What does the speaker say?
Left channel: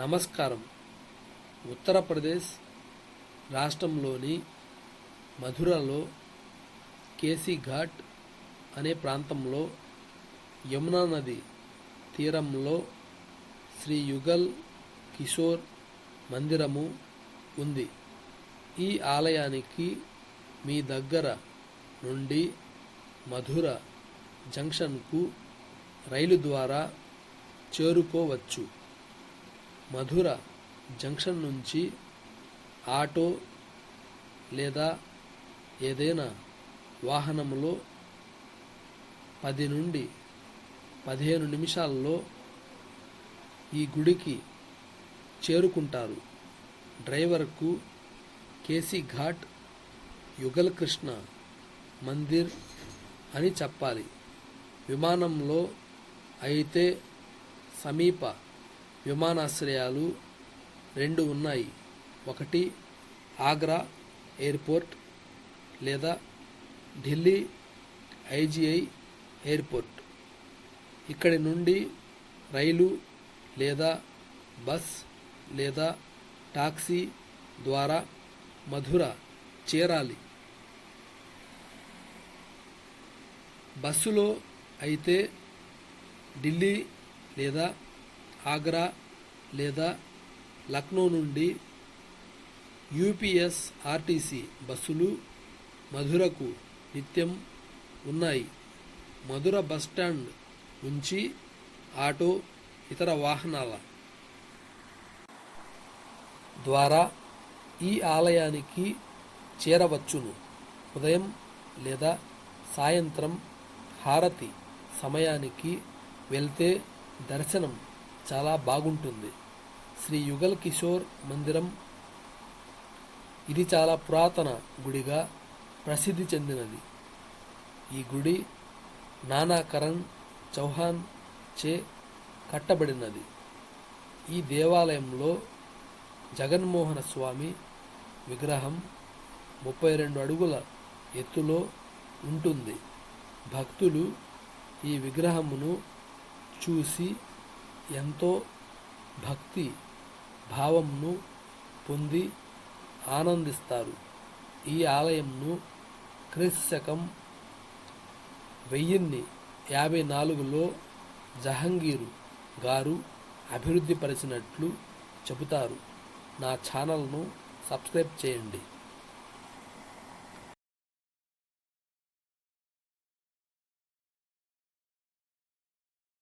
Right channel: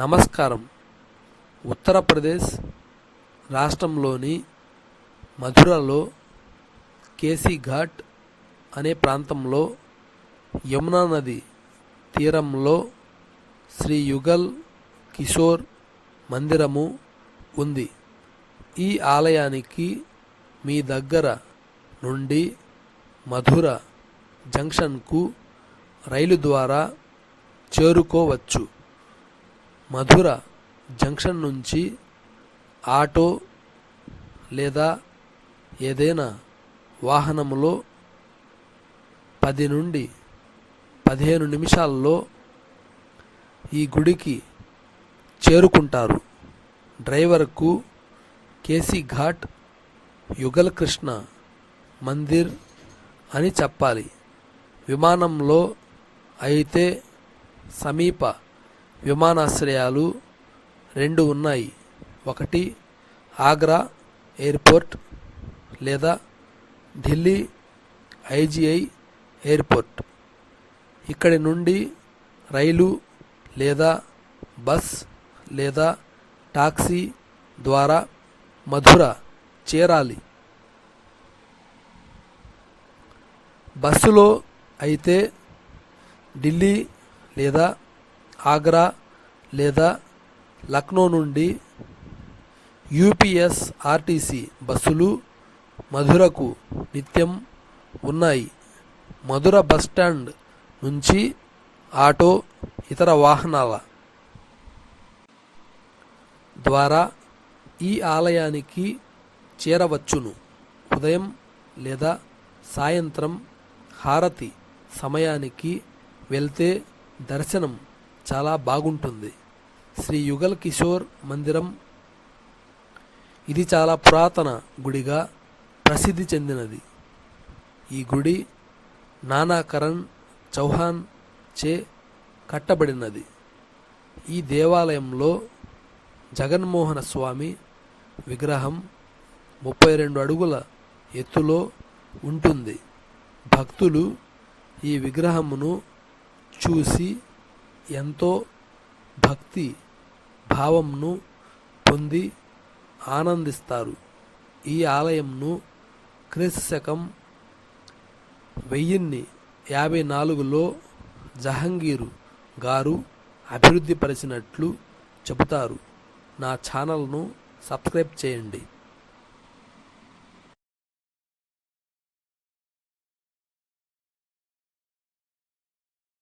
నమస్కారం. ఉత్తరప్రదేశ్ రాష్ట్రంలోని మథురలో కేసీ ఘాట్ అనే ప్రాంతంలో యమునా నది తీరంలో శ్రీ యుగల్ కిషోర్ మందిరము ఉంది. ఈ ఆలయానికి మీ దగ్గర నుండి మథుర జంక్షన్కు రైలు ద్వారా చేరుకోవచ్చు. మథుర జంక్షన్ నుంచి ఆటో లేదా ఏదైనా వాహనంలో 10 నుండి 15 నిమిషాల్లో ఈ గుడికి చేరుకుంటారు. డ్రైవర్కు కేసీ ఘాట్ యుగల్ కృష్ణ మందిర్ అని చెప్పాలి. విమానంలో అయితే సమీప విమానాశ్రయాలు 2 ఉన్నాయి. ఒకటి ఆగ్రా ఎయిర్పోర్ట్ లేదా ఢిల్లీ ఐజీఐ ఎయిర్పోర్ట్. ఇక్కడి నుండి రైలు లేదా బస్ లేదా టాక్సీ ద్వారా మథుర చేరాలి. బస్సులో అయితే ఢిల్లీ లేదా ఆగ్రా లేదా లక్నో నుండి యూపీఎస్ఆర్టీసీ బస్సులు మథురకు నిత్యం ఉన్నాయి. మథుర బస్టాండ్ నుంచి ఆటో ఇతర వాహనాల ద్వారా ఈ ఆలయానికి చేరవచ్చును. ఉదయం లేదా సాయంత్రం హారతి సమయానికి వెళ్తే దర్శనం చాలా బాగుంటుంది. శ్రీ యుగల్ కిషోర్ మందిరం ఇది చాలా పురాతన గుడిగా ప్రసిద్ధి చెందినది. ఈ గుడి నానా కరణ్ చౌహాన్ చే కట్టబడినది. ఈ దేవాలయంలో జగన్మోహన స్వామి విగ్రహం 32 అడుగుల ఎత్తులో ఉంటుంది. భక్తులు ఈ విగ్రహమును చూసి ఎంతో భక్తి భావంను పొంది ఆనందిస్తారు. ఈ ఆలయంను క్రీస్తు శకం 1054లో జహంగీరు గారు అభివృద్ధి పరిచినట్లు చెబుతారు. నా ఛానల్ను సబ్స్క్రైబ్ చేయండి.